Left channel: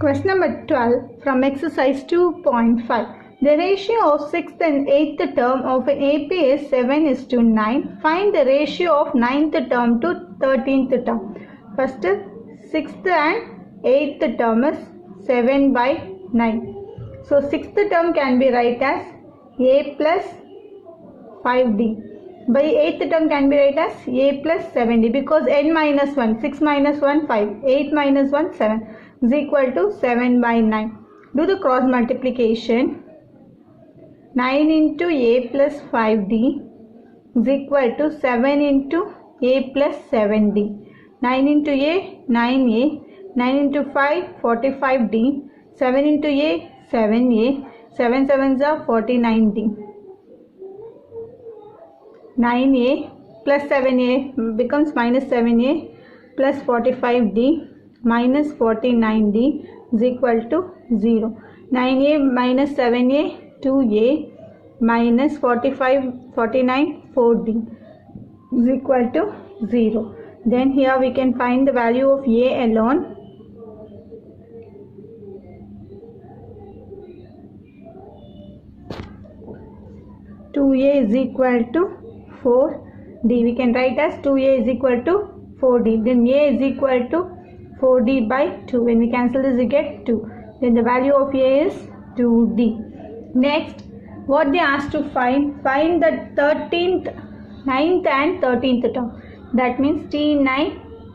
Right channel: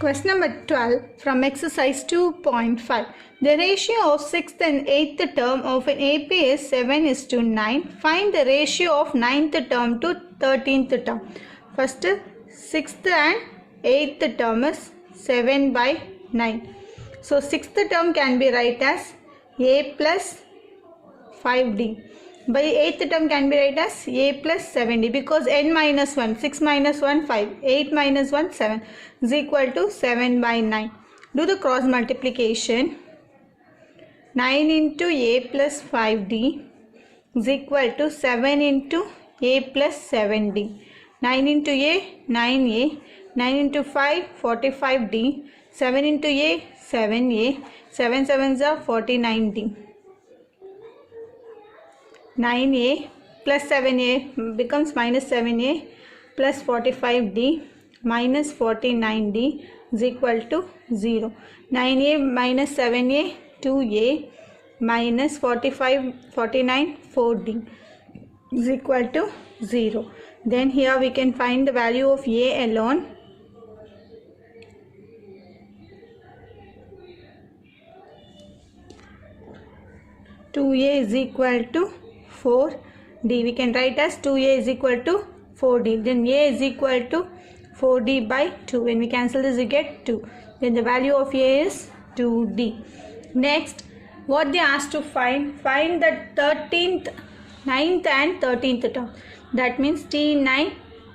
Question number 12 from exercise 2.5. The ratio of 6th and 8th term of an AP is 7:9. Find the ratio of 9th term to 13th term. First, 6th and 8th term is 7/9. So 6th term can be write as A plus 5D. By 8th term can be write as A plus 7D because n minus 1, 6 minus 1, 5, 8 minus 1, 7 is equal to 7/9. Do the cross multiplication. 9 into A plus 5D is equal to 7 into A plus 7D. 9 into A, 9A. 9 into 5, 45D. 7 into A, 7A. 7 sevens are 49D. 9A plus 7A becomes minus 7A plus 45D minus 49D is equal to 0. 9A minus 7A 2A minus 49 4D is equal to 0. Then here we can find the value of A alone. A is equal to 4D. We can write as 2A is equal to 4D. Then A is equal to 4D by 2. When we cancel this, we get 2. Then the value of A is 2D. Next, what they asked to find the 9th and 13th term. That means T9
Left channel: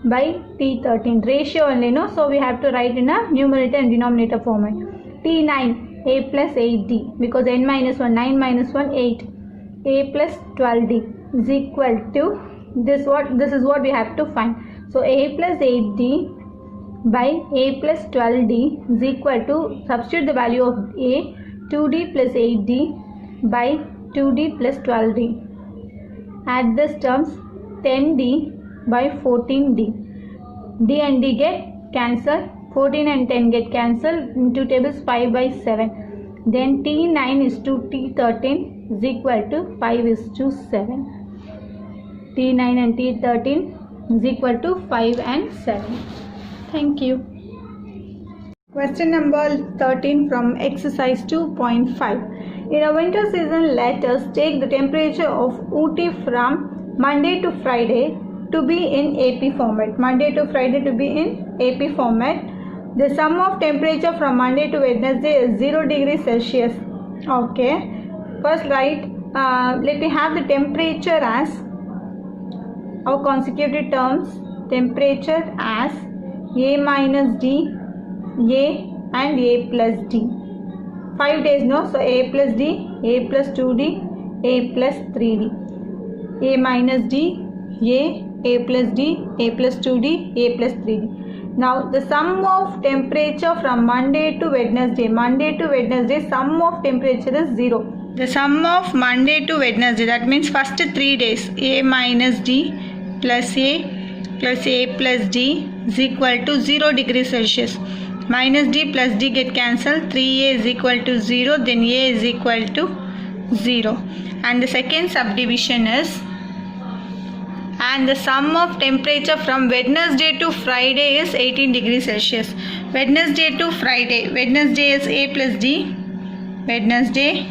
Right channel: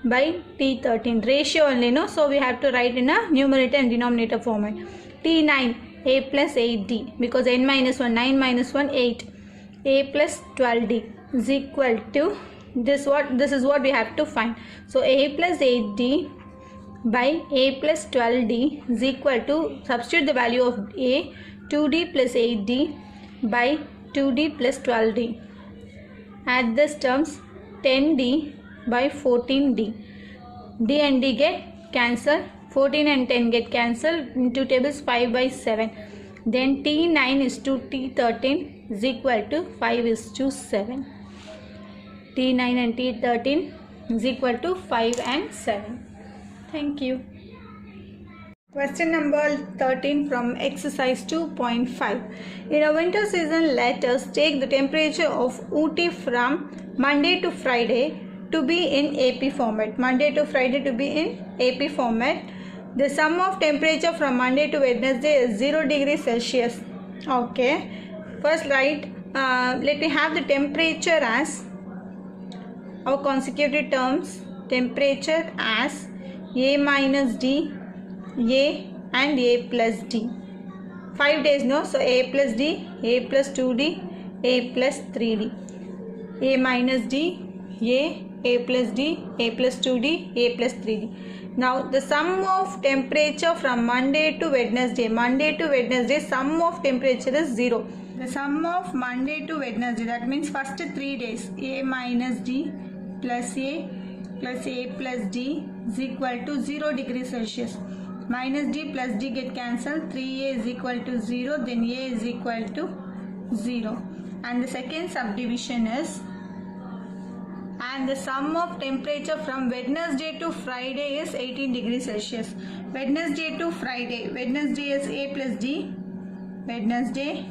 by T13. Ratio only, no? So we have to write in a numerator and denominator format. T9, A plus 8D. Because n minus 1, 9 minus 1, 8. A plus 12D is equal to this is what we have to find. So A plus 8D by A plus 12D is equal to, substitute the value of A, 2D plus 8D by 2D plus 12D. Add these terms, 10D by 14D. D and D get cancelled. 14 and 10 get cancelled. Into tables 5 by 7. Then T9 is to T13 is equal to 5 is to 7. T9 and T13 is equal to 5 and 7. Thank you. Question number 13 from exercise 2.5. In a winter season, let us take the temperature of Ooty from Monday to Friday to be in AP format. Monday to Friday to be in AP format. The sum of temperature from Monday to Wednesday is 0 degrees Celsius. Okay. First write, let me have the temperature as our consecutive terms. Temperature as A minus D, A and A plus D. 5 days, no? So A plus D, A plus 2D, A plus 3D. A minus D, A plus D, A plus 2D, A plus 3D. Now the sum of temperature from Monday to Wednesday. Monday to Wednesday, sum of temperature is 0. The sum of Monday to Wednesday, that means first 3 days, A minus D plus A plus D is equal to 0 degrees Celsius. Minus D plus D get cancelled. 3A is equal to 0. Then A is equal to 0. And the second subdivision is, and the sum of temperature from Wednesday to Friday is 18 degrees Celsius. Wednesday to Friday. Wednesday is A plus D. Wednesday,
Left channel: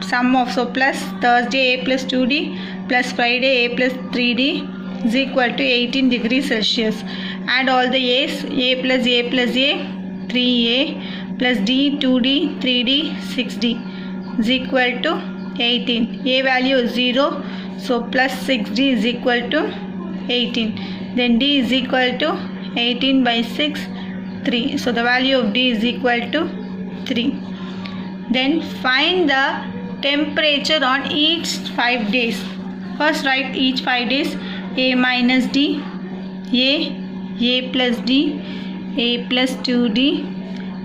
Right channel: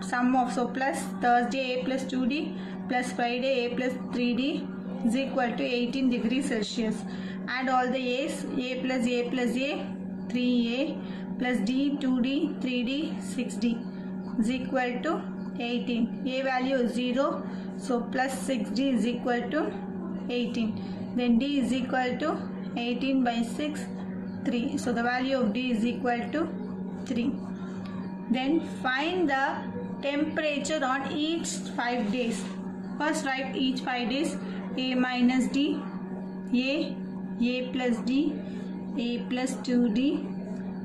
sum of, so plus Thursday A plus 2D plus Friday A plus 3D is equal to 18 degrees Celsius. Add all the A's. A plus A plus A, 3A plus D, 2D, 3D, 6D is equal to 18. A value is 0. So plus 6D is equal to 18. Then D is equal to 18 by 6, 3. So the value of D is equal to 3. Then find the temperature on each 5 days. First write each 5 days. A minus D, A plus D, A plus 2D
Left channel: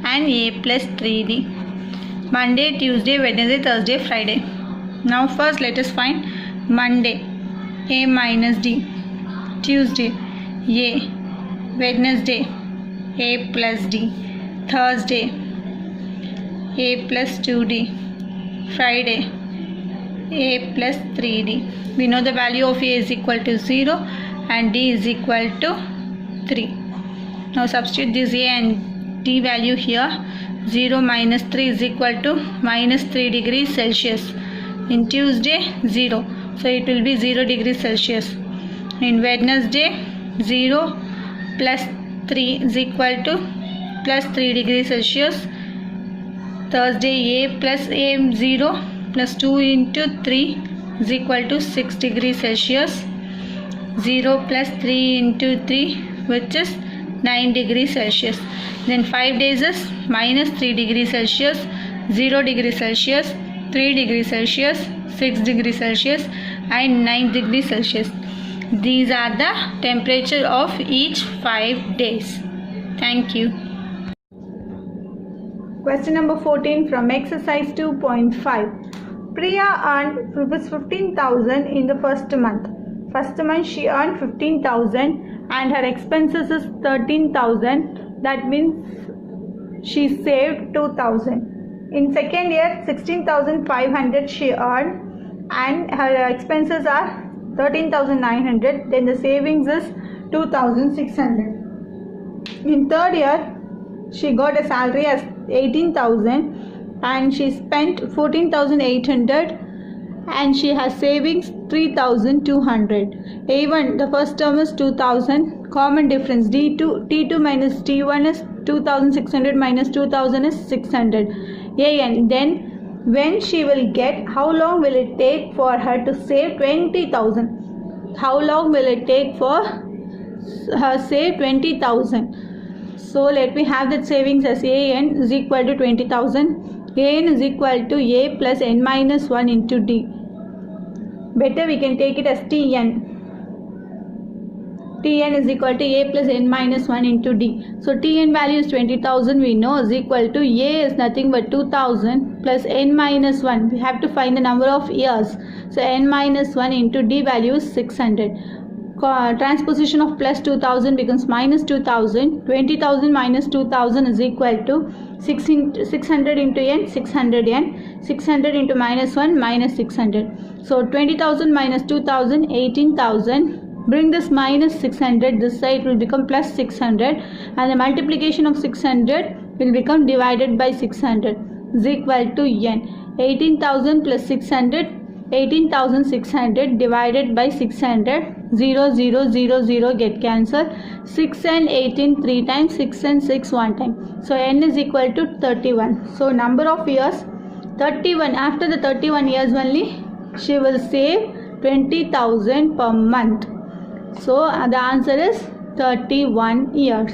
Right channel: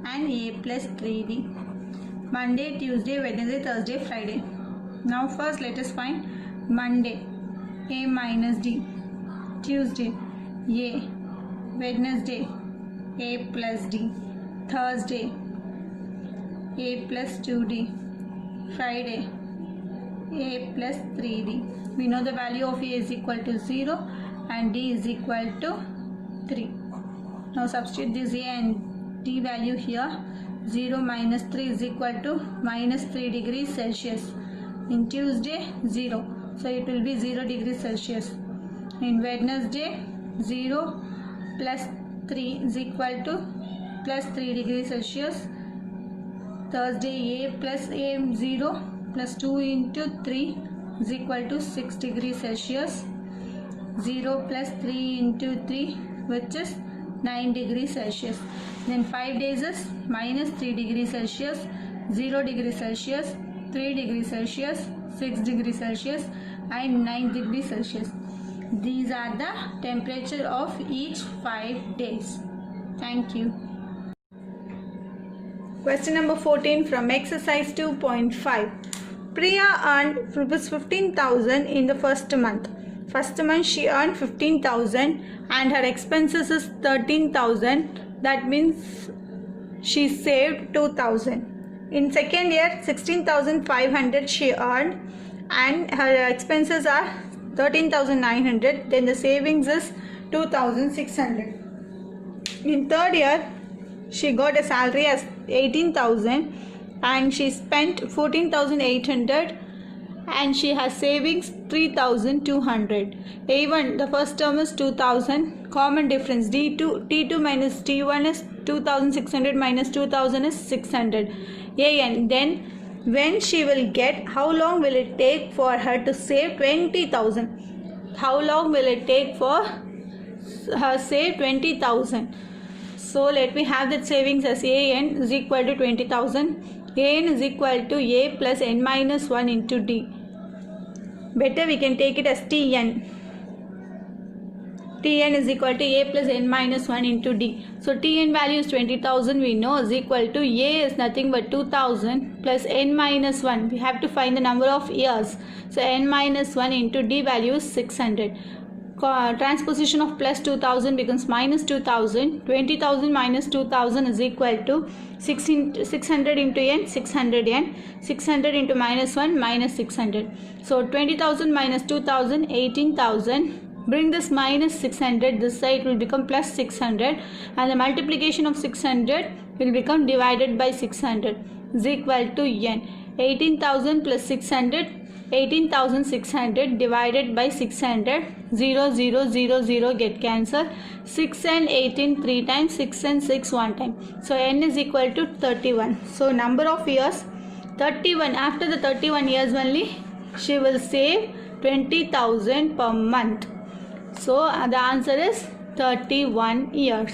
and A plus 3D. Monday, Tuesday, Wednesday, Thursday, Friday. Now first let us find Monday, A minus D. Tuesday, A. Wednesday, A plus D. Thursday, A plus 2D. Friday, A plus 3D. We know the value of A is equal to 0 and D is equal to 3. Now substitute this A and T value here. 0 minus 3 is equal to minus 3 degrees Celsius. In Tuesday 0, so it will be 0 degrees Celsius. In Wednesday 0 plus 3 is equal to plus 3 degrees Celsius. Thursday A plus A 0 plus 2 into 3 is equal to 6 degrees Celsius. 0 plus 3 into 3, which is 9 degrees Celsius. Then 5 days is minus 3 degrees Celsius, 0 degrees Celsius, 3 degrees Celsius, 6 degrees Celsius and 9 degrees Celsius. These are the temperature of each 5 days. Thank you. Question number 14 from exercise 2.5. Priya earned rupees 15,000 in the first month. First month she earned 15,000 and her expenses is 13,000. That means she saved 2,000. In second year 16,500 she earned and her expenses are 13,900. Then the savings is 2,600. In third year she got a salary as 18,000 and she spent 14,800 and she has savings 3,200. Even the first term is 2,000. Common difference T2 minus T1 is 2,600 minus 2,000 is 600. And then when she will get, how long will it take for her to save 20,000? How long will it take for her save 20,000? So let me have that savings as AN is equal to 20,000. AN is equal to A plus N minus 1 into D. Better we can take it as TN. Tn is equal to A plus N minus 1 into D. So Tn value is 20,000 we know is equal to A is nothing but 2,000 plus N minus 1. We have to find the number of years. So N minus 1 into D value is 600. Transposition of plus 2,000 becomes minus 2,000. 20,000 minus 2,000 is equal to 600 into N, 600 N. 600 into minus 1, minus 600. So 20,000 minus 2,000, 18,000. Bring this minus 600, this side will become plus 600 and the multiplication of 600 will become divided by 600 is equal to N. 18,000 plus 600, 18,600 divided by 600, 0, 0, 0, 0 get cancelled. 6 and 18 3 times, 6 and 6 1 time. So N is equal to 31. So number of years 31. After the 31 years only she will save 20,000 per month. So the answer is 31 years.